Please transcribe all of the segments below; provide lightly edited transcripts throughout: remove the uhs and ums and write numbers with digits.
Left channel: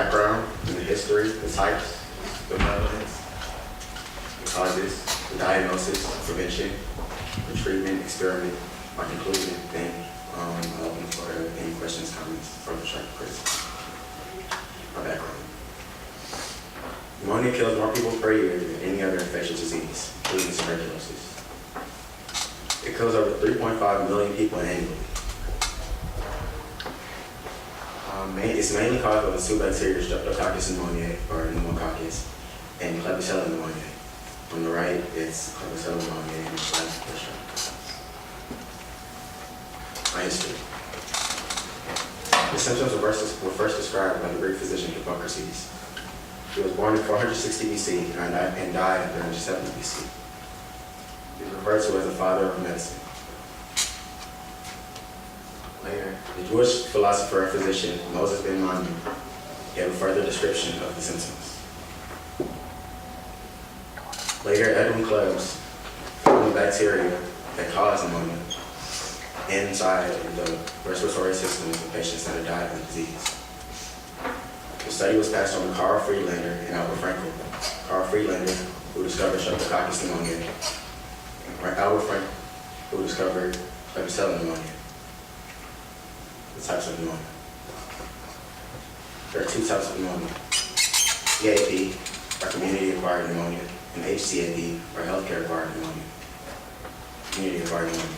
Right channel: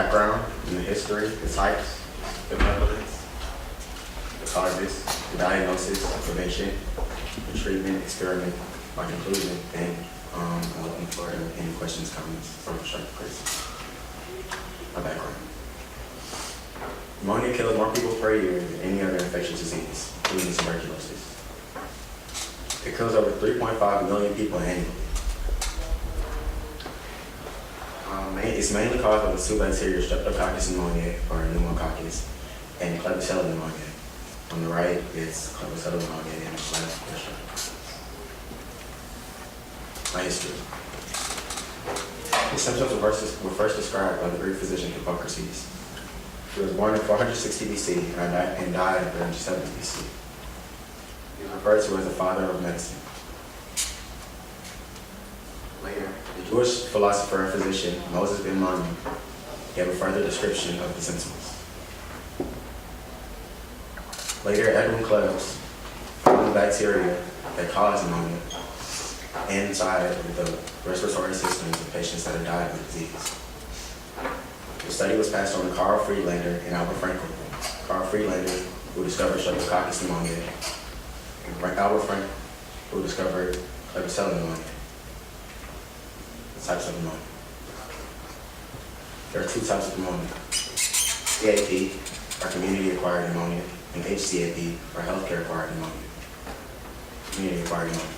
background and the history, the types, the prevalence, the causes, the diagnosis, prevention, the treatment, experiment, by concluding, then open for any questions, comments, or constructive criticism. My background. Pneumonia kills more people per year than any other infectious disease, including tuberculosis. It kills over 3.5 million people annually. It's mainly caused by the two bacteria, Streptococcus pneumoniae, or pneumococcus, and Klebsiella pneumoniae. On the right, it's Klebsiella pneumoniae and Streptococcus. My history. The symptoms were first described by the Greek physician Hippocrates. He was born in 460 BC and died in 370 BC. He is referred to as the father of medicine. Later, the Jewish philosopher and physician Moses ben Maimon gave a further description of the symptoms. Later, Edwin Klebs found the bacteria that cause pneumonia inside of the respiratory systems of patients that had died of the disease. The study was passed on to Carl Friedlander and Albert Frankel. Carl Friedlander, who discovered Streptococcus pneumoniae, and Albert Frankel, who discovered Klebsiella pneumoniae. The types of pneumonia. There are two types of pneumonia. EAP, or community-acquired pneumonia, and HCAP, or healthcare-acquired pneumonia. Community-acquired pneumonia.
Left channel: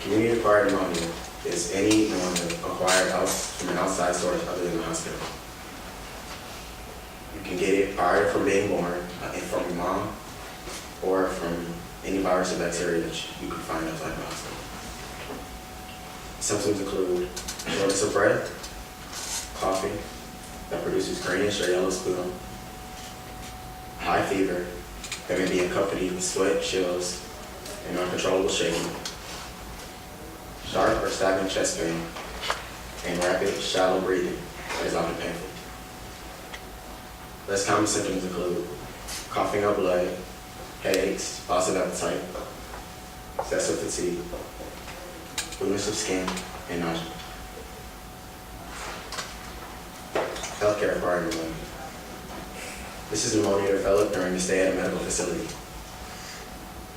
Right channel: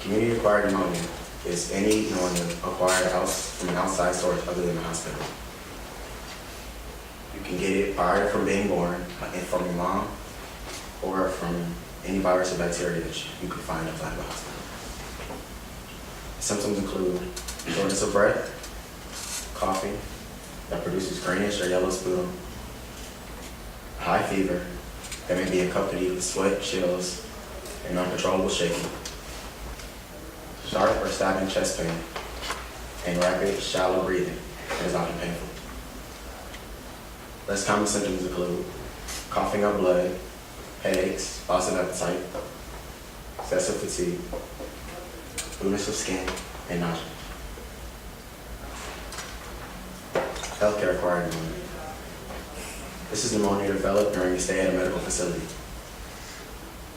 Community-acquired pneumonia is any pneumonia acquired from an outside source other than the hospital. You can get it prior from being born, from your mom, or from any virus or bacteria that you could find outside the hospital. Symptoms include shortness of breath, coughing that produces greenish or yellow sputum, high fever that may be accompanied with sweat, chills, and uncontrollable shaking, sharp or stabbing chest pain, and rapid, shallow breathing that is often painful. Less common symptoms include coughing up blood, headaches, loss of appetite, excessive fatigue, blueness of skin, and nausea. Healthcare-acquired pneumonia. This is pneumonia developed during a stay at a medical facility.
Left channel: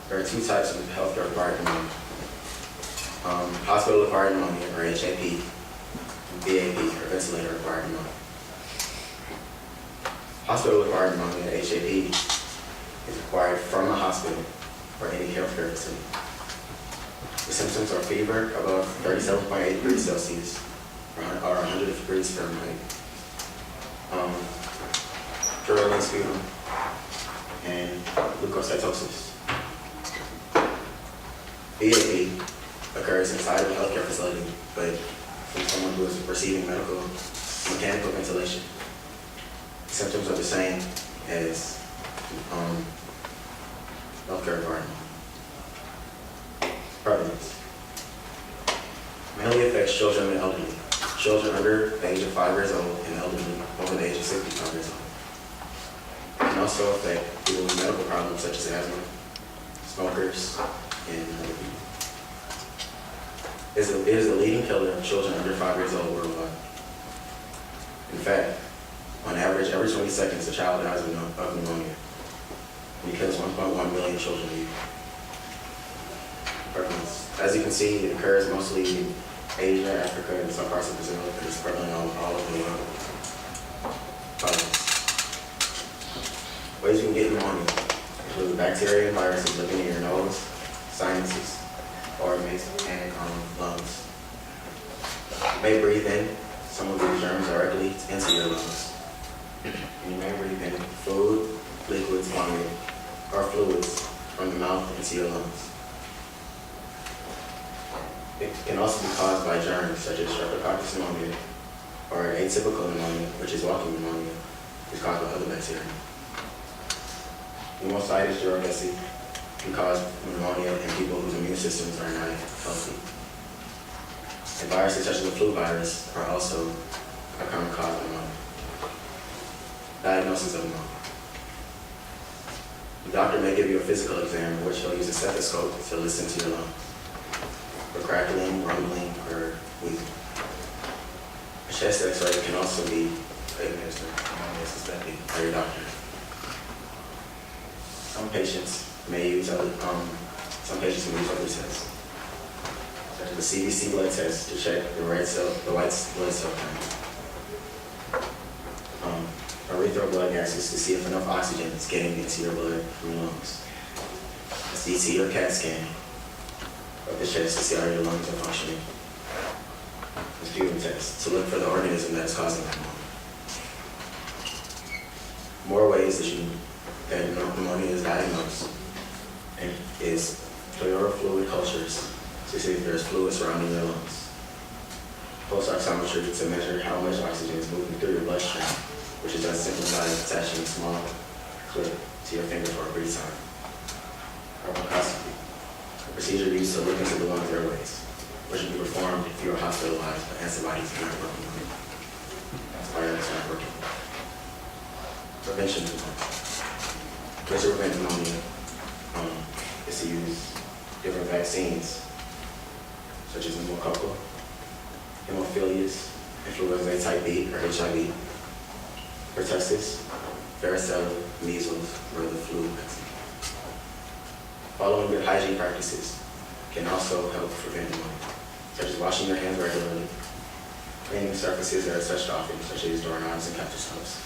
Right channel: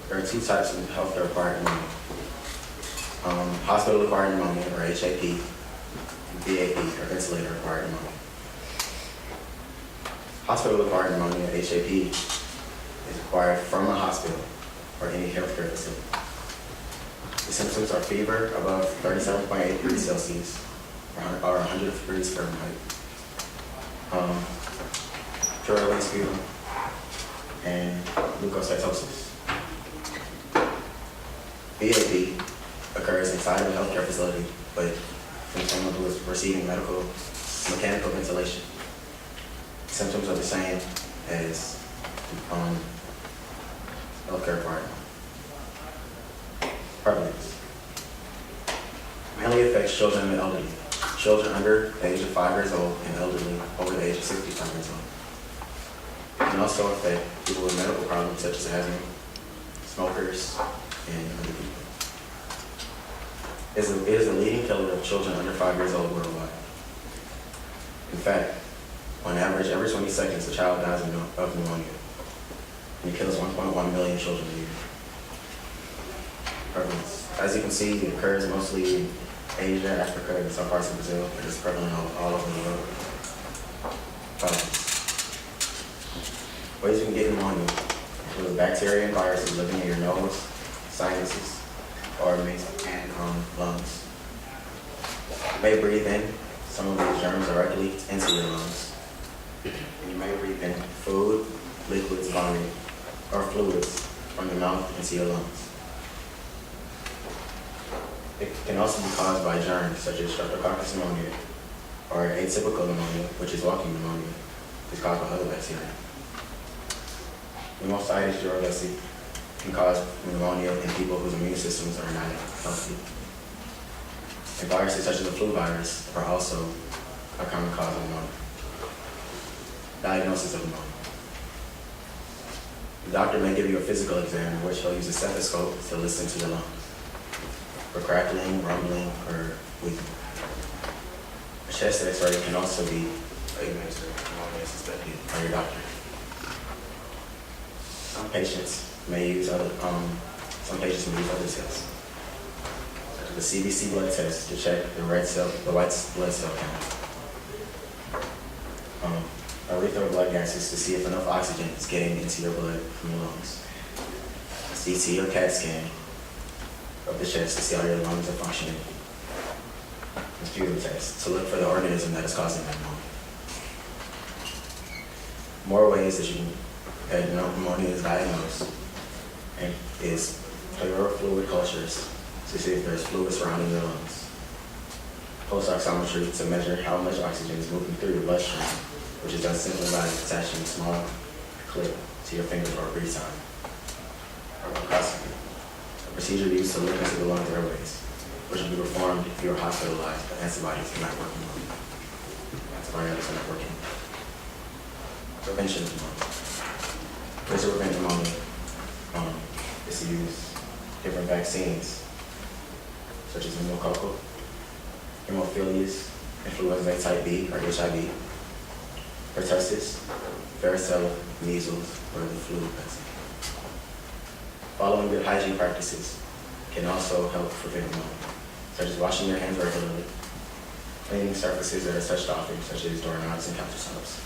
There are two types of healthcare-acquired pneumonia. Hospital-acquired pneumonia, or HAP, VAP, or ventilator-acquired pneumonia. Hospital-acquired pneumonia, HAP, is acquired from a hospital or any healthcare facility. The symptoms are fever above 37.8 degrees Celsius, or 100 degrees Fahrenheit, purulent sputum, and leukocytosis. VAP occurs inside of a healthcare facility, but from someone who is receiving mechanical ventilation. Symptoms are the same as healthcare environment. Prevalence. Mainly affects children and elderly. Children under the age of 5 years old and elderly over the age of 65 years old. It can also affect people with medical problems such as asthma, smokers, and other people. It is the leading killer of children under 5 years old worldwide. In fact, on average, every 20 seconds, a child dies of pneumonia, and it kills 1.1 million children a year. Prevalence. As you can see, it occurs mostly in Asia, Africa, and some parts of Brazil, but it's prevalent all over the world. Prevalence. Ways you can get pneumonia include bacteria and viruses living in your nose, sinuses, or and lungs. You may breathe in some of these germs directly into your lungs. And you may breathe in food, liquids, vomit, or fluids from the mouth into your lungs. It can also be caused by germs such as Streptococcus pneumoniae, or atypical pneumonia, which is walking pneumonia, is caused by other bacteria. Pneumocystis jirovecii can cause pneumonia in people whose immune systems are not healthy. And viruses such as the flu virus are also a common cause of pneumonia. Diagnosis of pneumonia. The doctor may give you a physical exam in which he'll use a stethoscope to listen to your lungs for crackling, rumbling, or wheezing. A chest x-ray can also be administered suspected by your doctor. Some patients may use other tests, such as the CBC blood test to check the white blood cell count. Urethral blood gases to see if enough oxygen is getting into your blood from your lungs. A CT or CAT scan of the chest to see how your lungs are functioning. A sputum test to look for the organism that is causing that pneumonia. More ways that pneumonia is diagnosed and is pleural fluid cultures to see if there's fluid surrounding your lungs. Pulse oximetry to measure how much oxygen is moving through your bloodstream, which is done simply by attaching a small clip to your finger for a brief time. Bronchoscopy, a procedure used to look into the lung airways, which will be performed if you are hospitalized but antibodies are not working. Antibiotics are not working. Prevention of pneumonia. Ways to prevent pneumonia is to use different vaccines, such as pneumococcal, hemophilus, influenza type B or HIV, pertussis, varicella, measles, or the flu vaccine. Following good hygiene practices can also help prevent pneumonia, such as washing your hands regularly, cleaning surfaces that are touched often, such as doorknobs and countertops,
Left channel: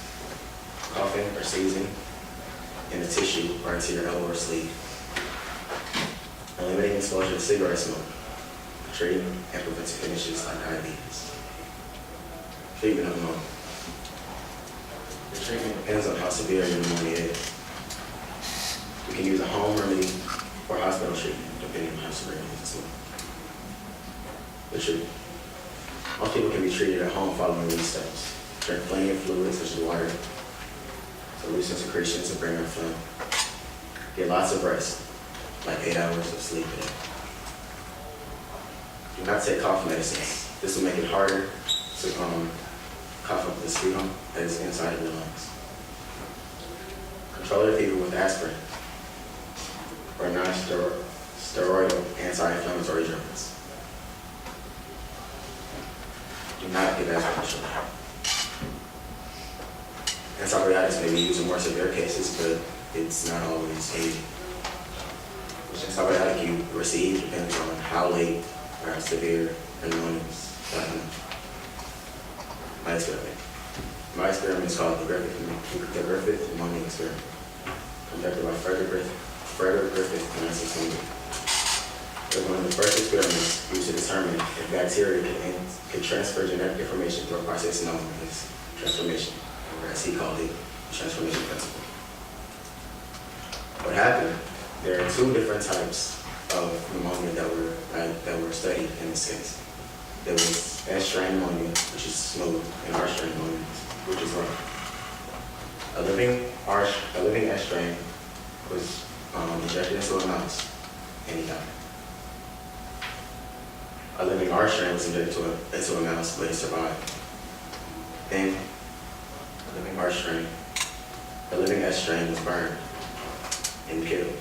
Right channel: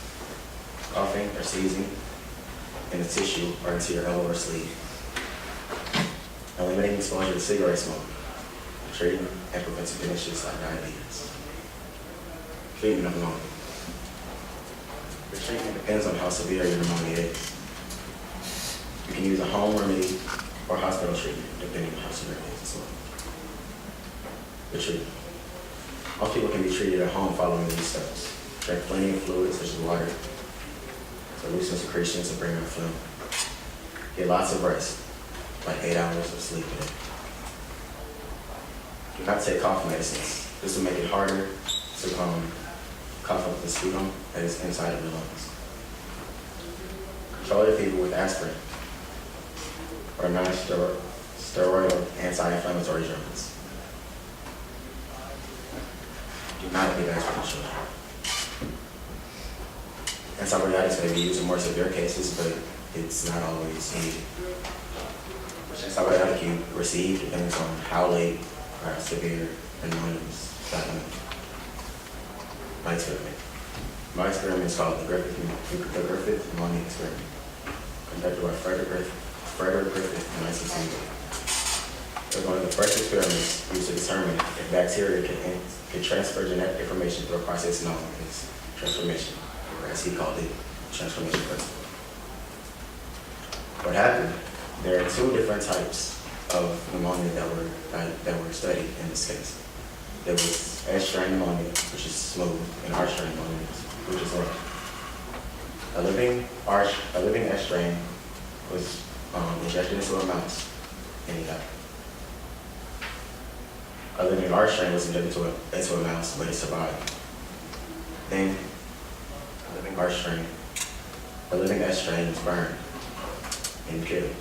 coughing or sneezing in the tissue or into your elbow or sleeve, and limiting exposure to cigarette smoke, treating and preventing conditions like diabetes. Treatment of pneumonia. The treatment depends on how severe your pneumonia is. You can use a home remedy or hospital treatment, depending on how severe it is as well. The treatment. Most people can be treated at home following these steps. Drink plenty of fluids, such as water, to loosen secretions and bring up phlegm. Get lots of rest, like 8 hours of sleep a day. Do not take cough medicines. This will make it harder to cough up the sputum that is inside of your lungs. Control your fever with aspirin or non-steroidal anti-inflammatory drugs. Do not give aspirin to children. Antibiotics may be used in more severe cases, but it's not always needed. Which antibiotic you receive depends on how late or how severe the pneumonia is diagnosed. My experiment is called the Griffith pneumonia experiment, conducted by Frederick Griffith in 1968. It was one of the first experiments used to determine if bacteria can transfer genetic information through a process known as transformation, or as he called it, transformation principle. What happened? There are two different types of pneumonia that were studied in this case. There was S-strain pneumonia, which is smooth, and R-strain pneumonia, which is rough. A living S-strain was injected into a mouse, and he died. A living R-strain was injected into a mouse, but it survived. Then, a living S-strain was burned and killed,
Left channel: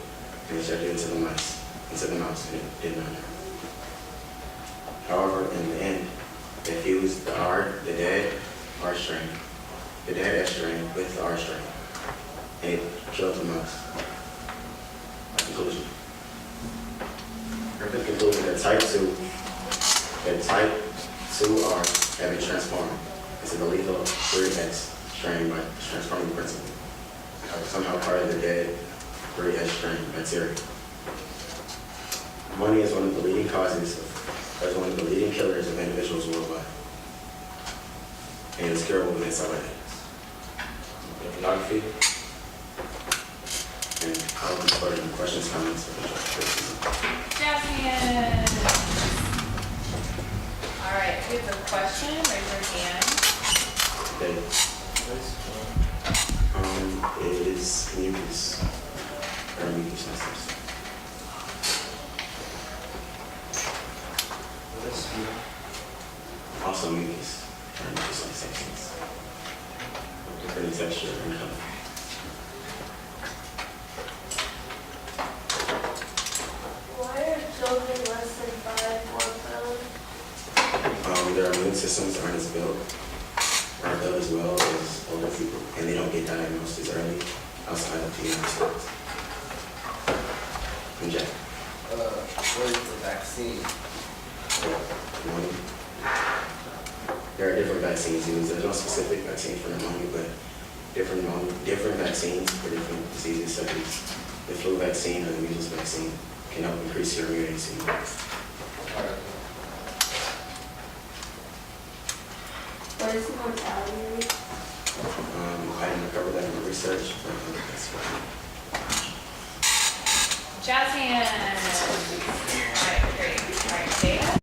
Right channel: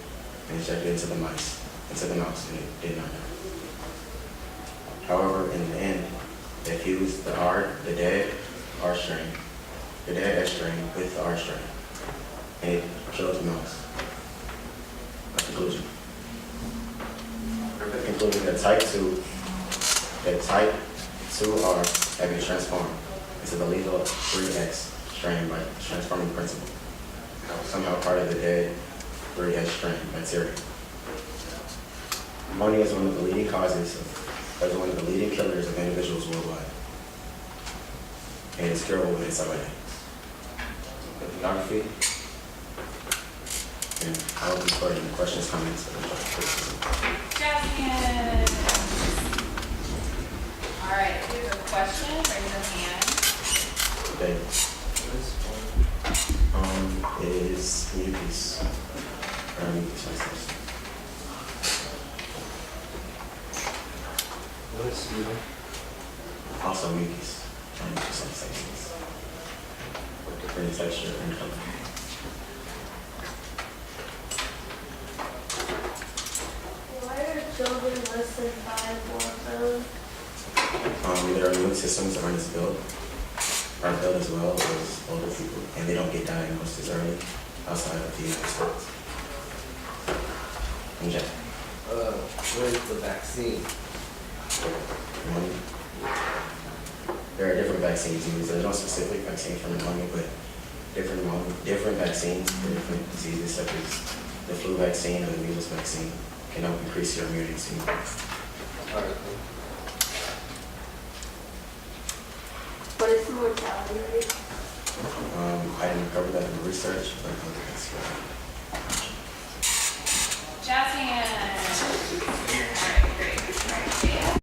and injected into the mouse, and it did not die. However, in the end, they fused the dead S-strain with the R-strain, and it killed the mouse. A conclusion. The conclusion that type 2R had been transformed into the lethal 3S strain by transforming principle. That was somehow part of the dead 3S strain bacteria. Pneumonia is one of the leading killers of individuals worldwide. And it is curable with antibiotics. Geography. And I'll be putting questions, comments, or Jasmine. All right, if you have a question, raise your hand. Okay. Is mucus or mucus masters? What's sputum? Also mucus, mucus-like substance, different texture and color. Why are children less than 5 months old? Their immune systems aren't as built. are ill as well as older people, and they don't get diagnosed as early outside of the United States. And Jack, What is the vaccine? pneumonia. There are different vaccines used. There's no specific vaccine for pneumonia, but different vaccines for different diseases, such as the flu vaccine or the measles vaccine, can help increase your immunity. All right. What is the mortality rate? I didn't cover that in the research, but that's Jazz hands.